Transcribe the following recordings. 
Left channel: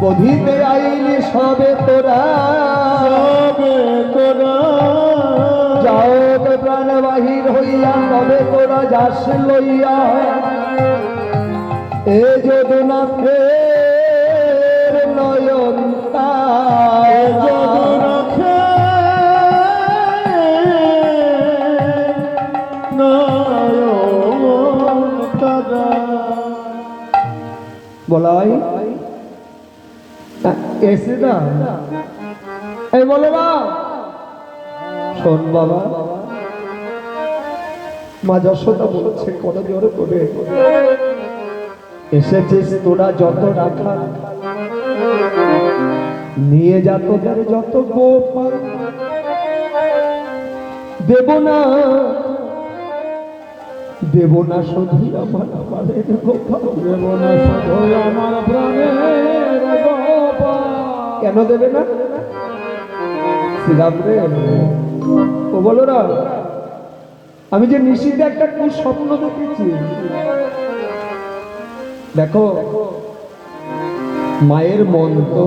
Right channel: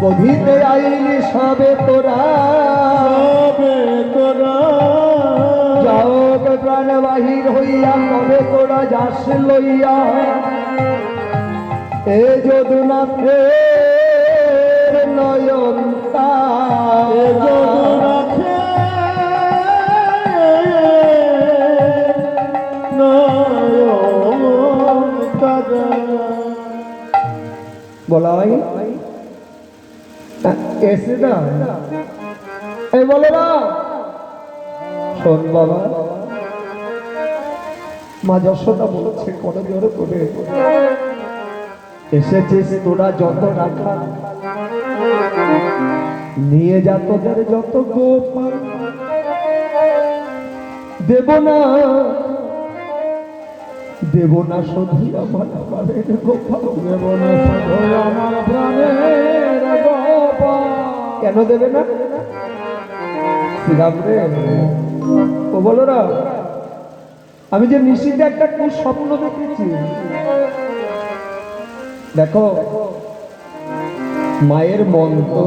বধিতে আইলি সবে তোরা যাওক প্রাণ বাহির হইয়া তবে তোরা যাস লইয়া এ যদুনা ফের নয়ন বলাই এসে না এই বলো না শোন বাবা মা যশোদা বলছে কোনো জোরে করে এসেছিস তোরা যত রাখা নিয়ে যা তোদের যত গোপাল দেব না শুধু আমার প্রাণের গোপাল দেব না শুধু আমার প্রাণের গোপাল কেন দেবে না শ্রীরাম রে ও বলো না আমি যে নিশিতে একটা কোন স্বপ্ন দেখেছি দেখো মায়ের মন তো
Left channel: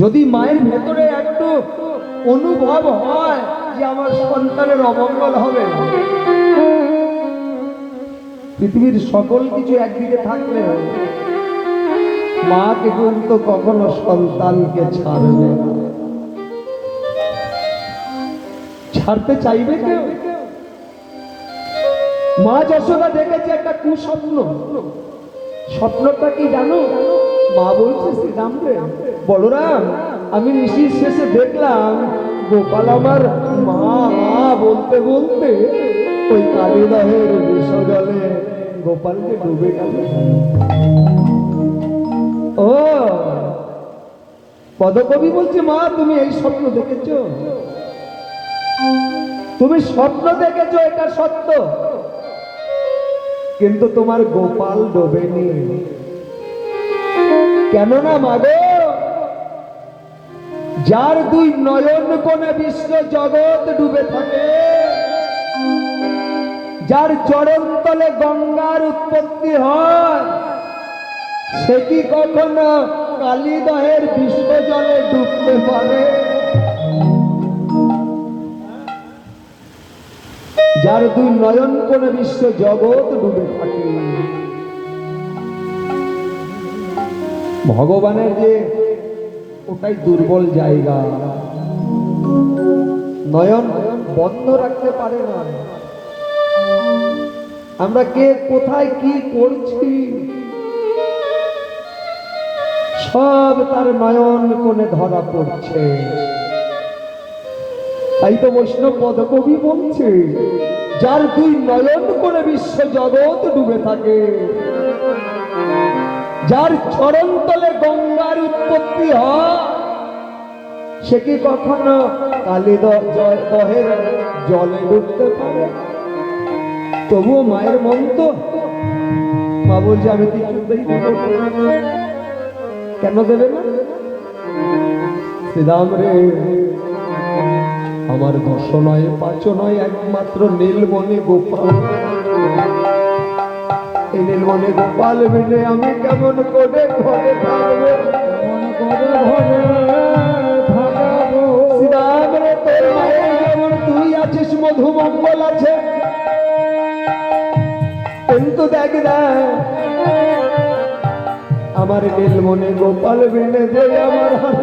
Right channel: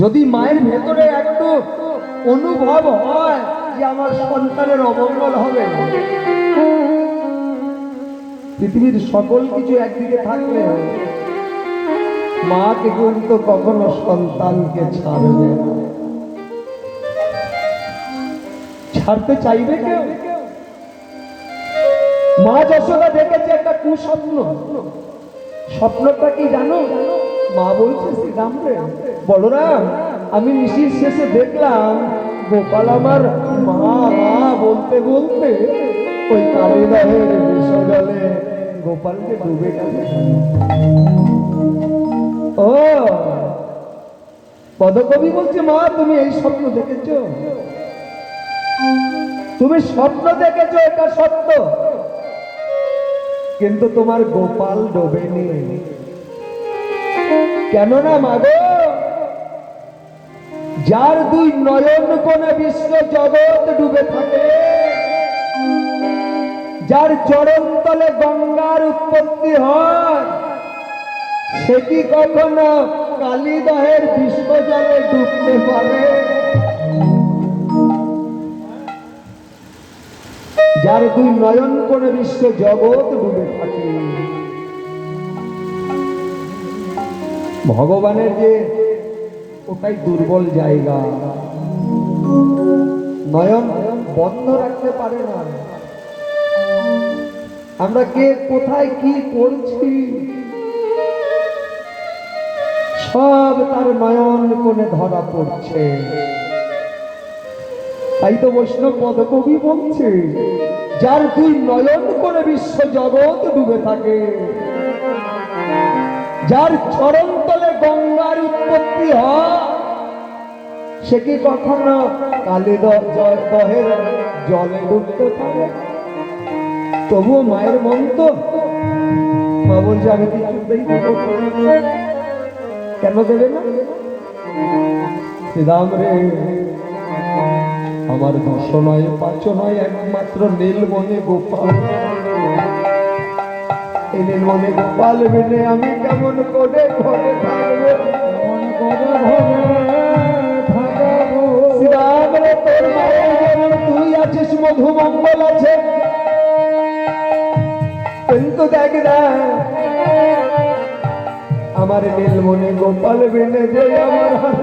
যদি মায়ের ভেতরে একটু অনুভব হয় যে আমার সন্তানের অমঙ্গল হবে পৃথিবীর সকল কিছু একদিকে থাকলে মাকে কিন্তু কখনো সন্তানকে ছাড়বে না ছাড়তে চাইবে কেউ মা যশোদা দেখেছে একটা কুস্বপ্ন স্বপ্নটা কি জানো মা বলছে শ্রীরাম রে বলরাম আমি নিশির শেষে দেখলাম গোপাল আমার মা মা বলতে বলতে ওই কালিদাহের বিষজলে গোপালকে ডুবে গেল ও পদকবি বলছে মা তুমি এই স্বপ্ন দেখেছো তুমি স্বপ্ন দেখেছো এটা সত্য কিন্তু তোমার গোপাল ডোবেনি কেননা মাগো যার দুই নয়ন কোণে বিশ্ব জগৎ ডুবে থাকে যার চরণ তলে গঙ্গার উৎপত্তি হয় সে কি কখনো কালিদাহের বিশ্ব জলে ডুবতে পারে যার দুই নয়ন কোণে বিশ্ব জগৎ ডুবে থাকে ভগবানের যে ওটাই দুর্বল জায়গা নয়ন বন্ধ রাখতে পারে না আমরা কে কোথায় কি করছি সব তার নয়ন কোণে ধরা পড়ছে তাই তো বৈষ্ণব পদকবি বলছে যার দুই নয়ন কোণে বিশ্ব জগৎ ডুবে থাকে যার চরণ তলে গঙ্গার উৎপত্তি হয় সে কি কখনো কালিদহের জলে ডুবতে পারে তবুও মায়ের মন তো মা বলছে আমি কিছুতেই কেন দেবে না শ্রীরাম রে আমার দশ নয় পাঁচ নয় একমাত্র নীলমণি গোপাল এই নীলমণি গোপাল মিলে আমি কেমন করে ঘরে থাকবো শ্রীরাম রে তোর মায়ের যেমন তুই আছিস মধুমঙ্গল আছে কিন্তু দেখ আমার নীলমণি গোপাল মিলে যে আমার